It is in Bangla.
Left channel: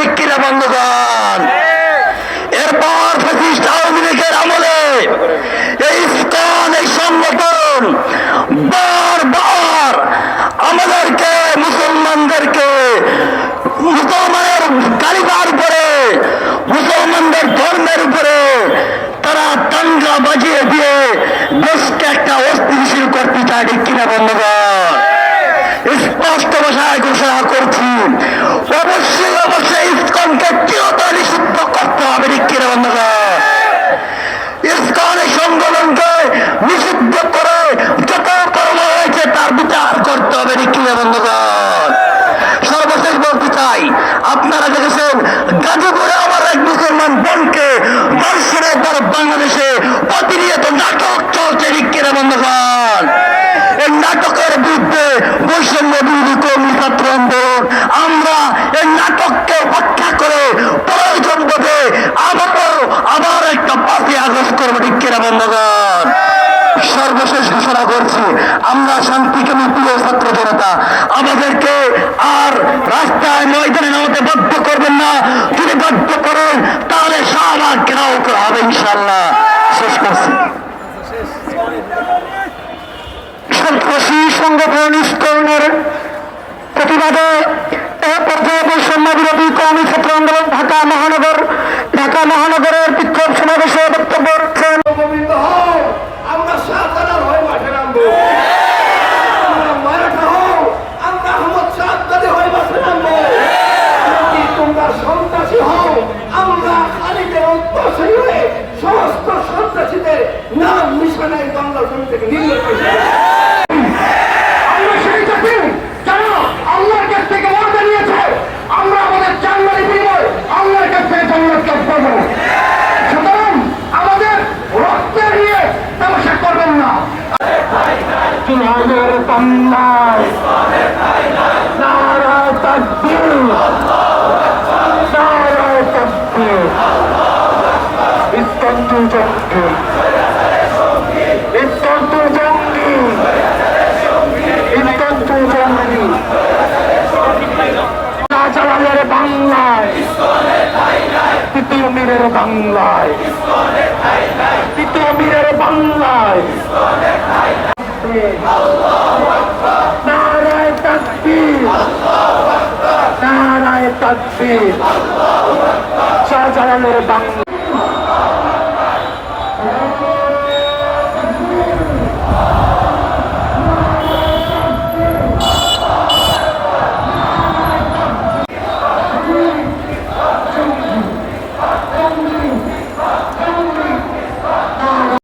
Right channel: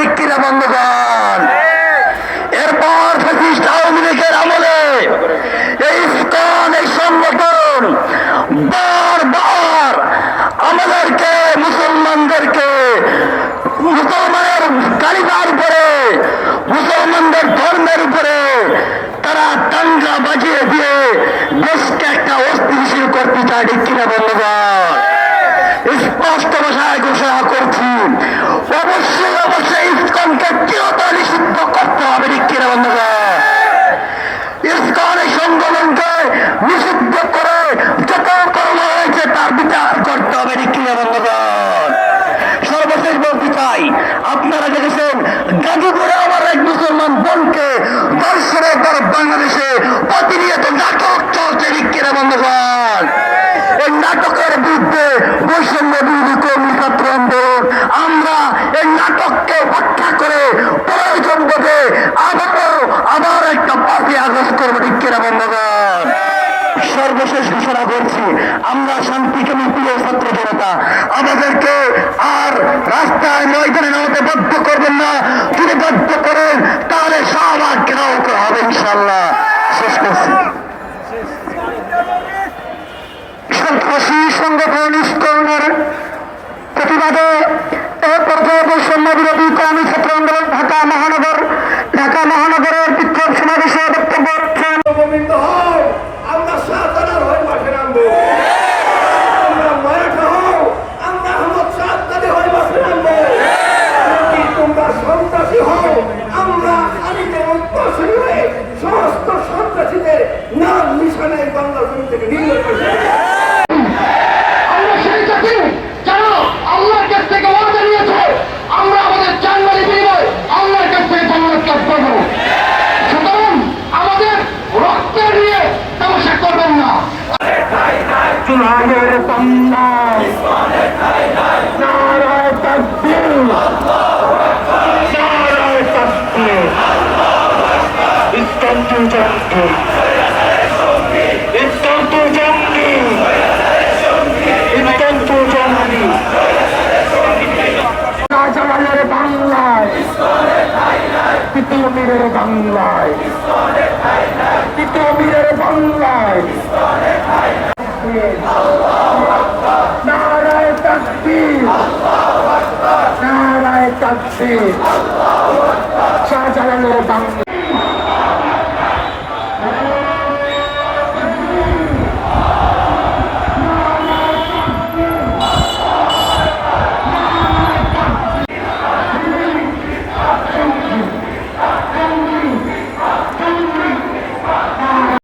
ঠিক কিনা বন্ধুগণ? এরপর ফ্যাসিস্ট আওয়ামী লীগের আমলে এই ইসকন, এই সংগঠন বারবার আমাদেরকে, মুসলমানদেরকে, মুসলমানের কালিমার উপরে, মুসলমানদের ধর্মের উপরে তারা দাঙ্গা বাজিয়ে দিয়ে দেশকে একটা অস্থিতিশীল করতে চায়। ঠিক কিনা বন্ধুগণ? স্পষ্ট ভাষায় ঘোষণা করছি, অবশ্যই অবশ্যই ইসকনকে চিরতরে নিষিদ্ধ করতে হবে। ঠিক কিনা বন্ধুগণ? ইসকন এই সংগঠনকে নিষিদ্ধ করে যত কর্ম হয়েছে তার বিচার করতে হবে। ঠিক কিনা বন্ধুগণ? সর্বশেষ বলতে চাই, আপনারা দেখেছেন গাজীপুরে আমার এক মুসলমান বোনকে দর্শনের পর বাংলাদেশে প্রতিনিয়ত নাটক চলছে। ঠিক কিনা বন্ধুগণ? এই নাটকের বিরুদ্ধে বৈষম্য বিরোধী কর্মী ছাত্র আন্দোলন আমরা এই নাটককে ব্যাখ্যা করে প্রয়োজন বোধে আবার একটা 5ই আগস্ট করবো। ঠিক কিনা বন্ধুগণ? সর্বশেষ ঘোষণা করছি, আমরা শান্তিকামী প্রিয় ছাত্র জনতা, আমাদেরকে আর রাস্তায় ময়দানে নামাতে বাধ্য করবেন না। যদি বাধ্য করেন তাহলে শাহবাগ ঘেরাও করা হবে ইনশাআল্লাহ। শেষ করছি। সন্ত্রাসী সংগঠন ইসকনের প্রতিবাদে পর্যায়ে বৈষম্য বিরোধী কর্মী ছাত্র আন্দোলন ঢাকা মহানগরের বিক্ষোভ সমাবেশে বক্তব্য রাখছেন। গোবিন্দ হও, আমরা শাহজালাল হয়ে মাঠে নামবো। আমরা মারাঠা হও, আমরা আহমদ শাহজাদি হয়ে মাঠে নামবো। তোমরা সন্ত্রাসী হও, আমরা খালিদের অন্তঃসরী হয়ে সমস্ত সন্ত্রাসীদের নাম নিশানায় বাংলা জমি থেকে নির্মূল করবো। আমরা সেই জাতি যারা আল্লাহর কাছ থেকে ওয়াদা নিয়েছে, আমরা আমাদের জানমালের বিনিময়ে আল্লাহর কাছ থেকে জান্নাত লাভ করবো। সুতরাং আমাদের রক্তে নিয়ে তামাশা করবেন না। চুলামের তন্নায় নারায় তাকবীর, নারায় তাকবীর। ইসকন টু জঙ্গি, ইসকন টু জঙ্গি, ইসকন টু জঙ্গি। শাহজালালের বাংলায়, তৃতীয় মীরের বাংলায়, তৃতীয় মীরের বাংলায় নারায় তাকবীর, নারায় তাকবীর। শাহজালালের বাংলা।